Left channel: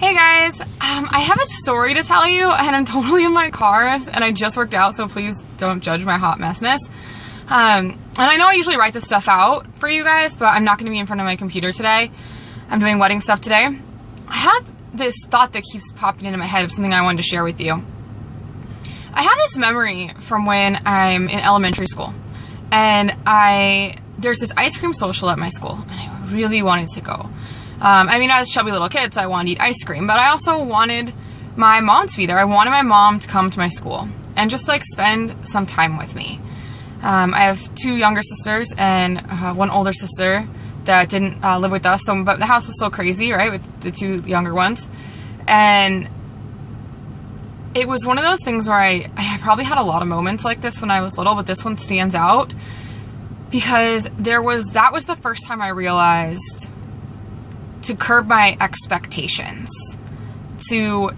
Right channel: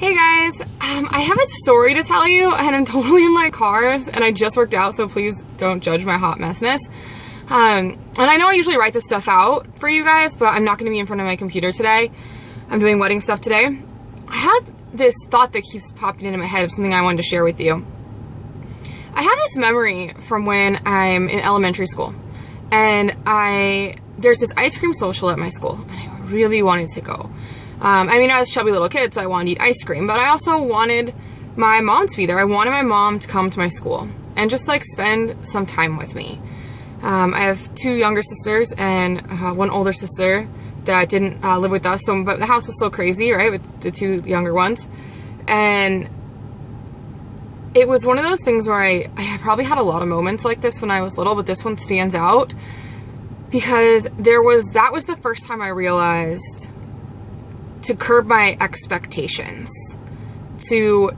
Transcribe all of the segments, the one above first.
Hey guys, I have a story to tell you, and I'm totally in my car, and I just worked out, so please don't judge my hot messness. And I know I usually write this stuff out for you guys, but I'm not going to be in front of my computer today. I'm doing wedding stuff today. I had this thought that keeps popping into my head of something I wanted to share with you. I have this memory from when I'm in elementary school, and there's this ice cream social at my school, and I really wanted to go. I was a chubby little kid, so I wanted to eat ice cream, but I also wanted my mom to be there. I wanted my mom to come to my school and just spend some time with me. I have two younger sisters and one older sister that didn't live with us, but the house was so crazy, right, with the two younger ones. And it was one of those things where I probably had a lot of moments like this when I was little, but this one stands out because that was the first time I realized to curb my expectations, to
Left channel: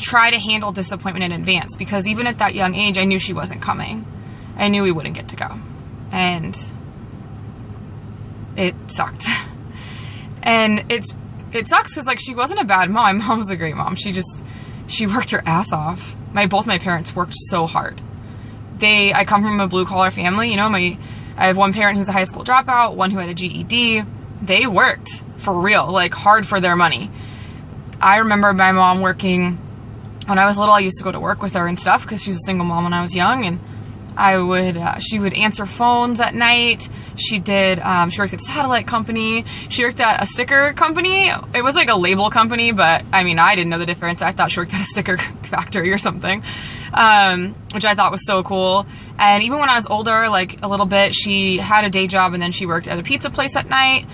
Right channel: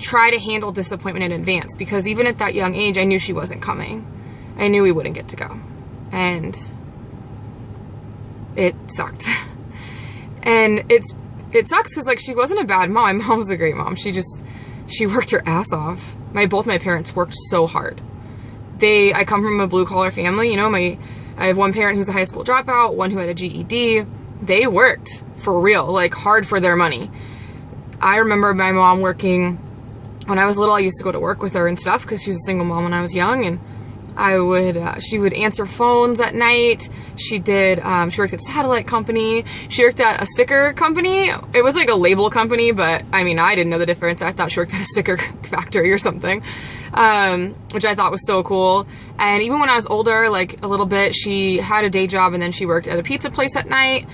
try to handle disappointment in advance, because even at that young age, I knew she wasn't coming. I knew we wouldn't get to go. And it sucked. And it sucks because she wasn't a bad mom. My mom was a great mom. She worked her ass off. Both my parents worked so hard. I come from a blue collar family. I have one parent who's a high school dropout, one who had a GED. They worked for real, hard for their money. I remember my mom working when I was little. I used to go to work with her and stuff because she was a single mom when I was young, and she would answer phones at night. She worked at a satellite company. She worked at a sticker company. It was a label company, but I didn't know the difference. I thought she worked at a sticker factory or something, which I thought was so cool. And even when I was older, a little bit, she had a day job and then she worked at a pizza place at night.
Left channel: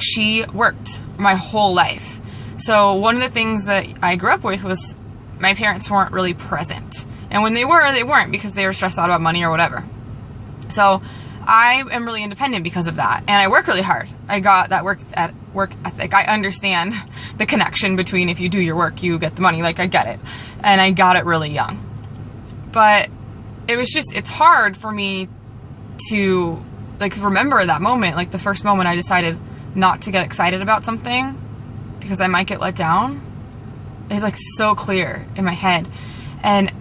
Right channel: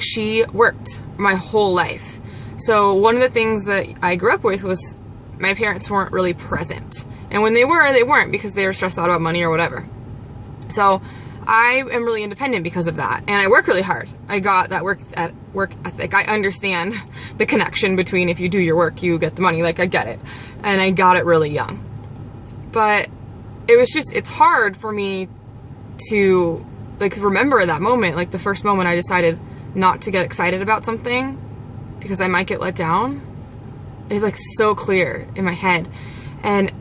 She worked my whole life. So one of the things that I grew up with was my parents weren't really present. And when they weren't because they were stressed out about money or whatever. So I am really independent because of that. And I work really hard. I got that work ethic. I understand the connection between if you do your work, you get the money. I get it. And I got it really young. But it's hard for me to remember that moment, the first moment I decided not to get excited about something because I might get let down. It's so clear in my head. And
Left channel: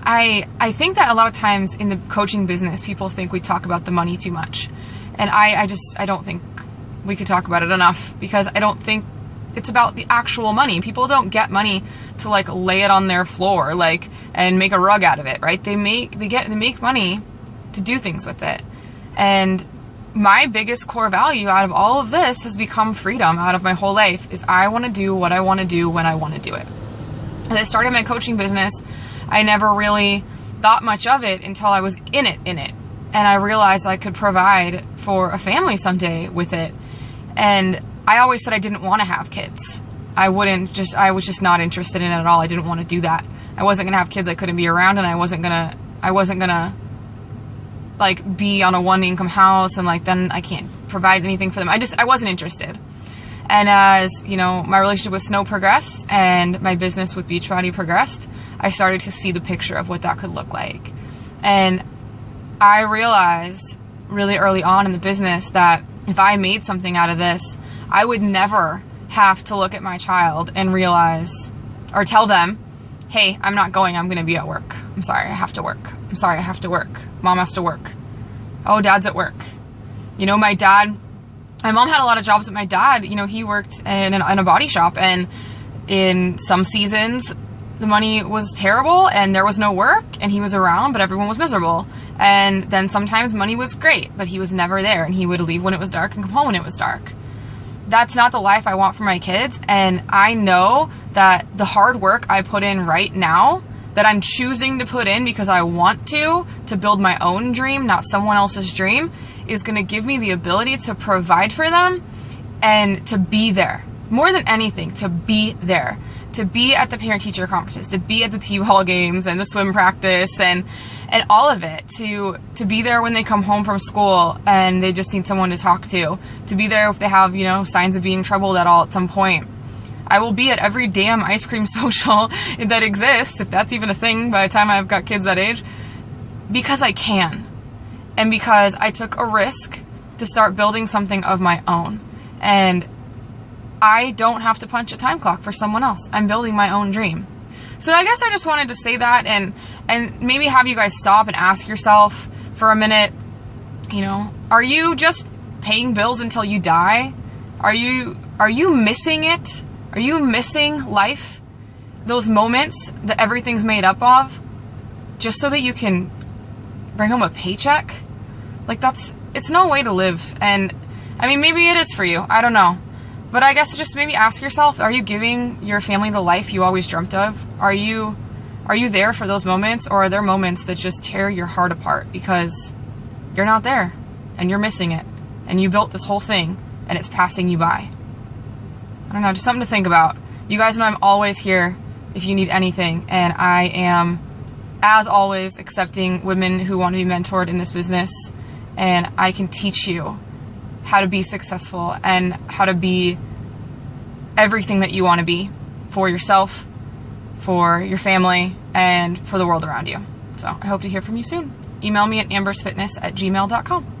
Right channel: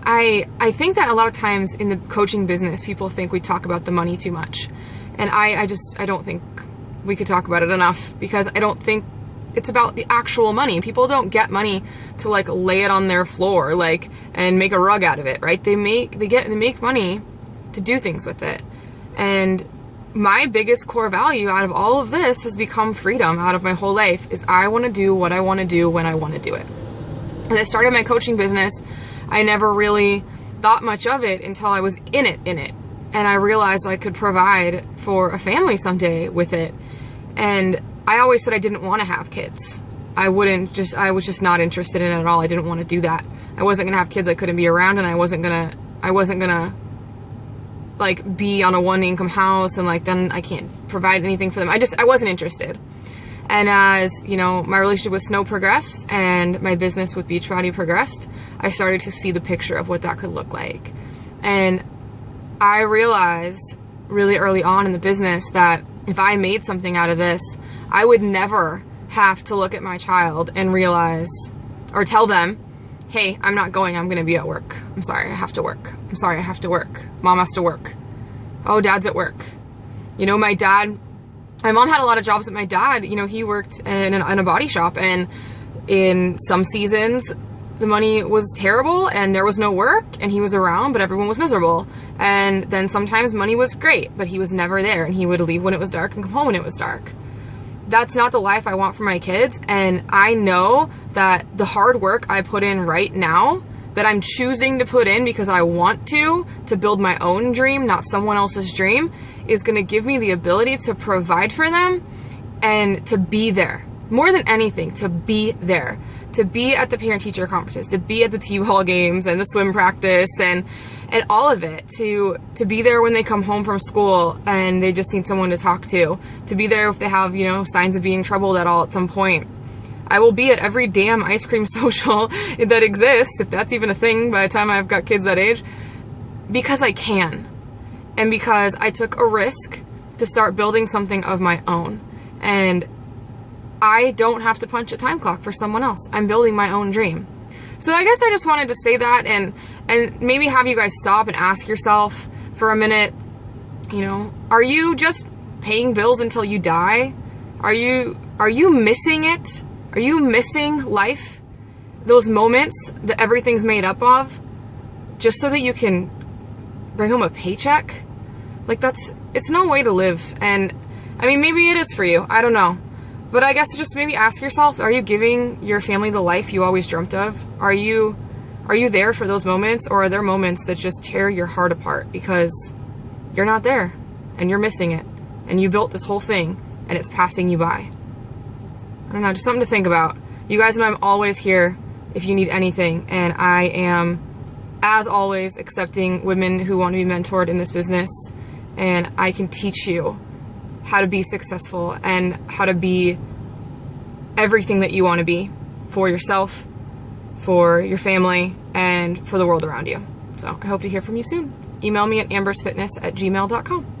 I think that a lot of times in the coaching business, people think we talk about the money too much. And I don't think we could talk about it enough, because I don't think it's about the actual money. People don't get money to lay it on their floor, and make a rug out of it, right? They make money to do things with it. And my biggest core value out of all of this has become freedom out of my whole life, is I want to do what I want to do when I want to do it. As I started my coaching business, I never really thought much of it until I was in it. And I realized I could provide for a family someday with it. And I always said I didn't want to have kids. I was just not interested in it at all. I didn't want to do that. I wasn't going to have kids I couldn't be around, and I wasn't going to be on a one income house and then I can't provide anything for them. I wasn't interested. And as, my relationship with Snow progressed and my business with Beachbody progressed, I started to see the picture of what that could look like. And I realized really early on in the business that if I made something out of this, I would never have to look at my child and realize or tell them, hey, I'm not going, I'm going to be at work. I'm sorry, I have to work. I'm sorry, I have to work. Mom has to work. Oh, dad's at work. My mom had a lot of jobs, but my dad, he worked in a body shop, and in some seasons the money was terrible and there was no work, and he was around, but everyone was miserable. And then sometimes money was great, but he was never there, and he would leave when it was dark and come home when it was dark. That's not the life I want for my kids. And I know that the hard work I put in right now, that I'm choosing to put in because I want to build my own dream, not someone else's dream, is going to give me the ability to provide for them and to be there. More than anything, to be there. To be at the parent-teacher conferences, to be at the T-ball games and the swim practice and all of it, to be there when they come home from school and they just need someone to talk to be there if they have, signs of being troubled at all at some point. I will be at every damn ice cream social that exists, if that's even a thing by the time I've got kids that age, because I can. And because I took a risk to start building something of my own. And I don't have to punch a time clock for someone else. I'm building my own dream. So I guess I just wanted to say that and maybe have you guys stop and ask yourself for a minute, you know, are you just paying bills until you die? Are you missing it? Are you missing life? Those moments that everything's made up of just so that you can bring home a paycheck? Like it's no way to live. And I mean, maybe it is for you. I don't know. But I guess just maybe ask yourself, are you giving your family the life you always dreamt of? Are you there for those moments, or are there moments that just tear your heart apart because you're not there and you're missing it and you built this whole thing and it's passing you by? I don't know, just something to think about. You guys know I'm always here if you need anything, and I am, as always, accepting women who want to be mentored in this business, and I can teach you how to be successful and how to be everything that you want to be for yourself, for your family, and for the world around you. So I hope to hear from you soon. Email me at ambersfitness@gmail.com.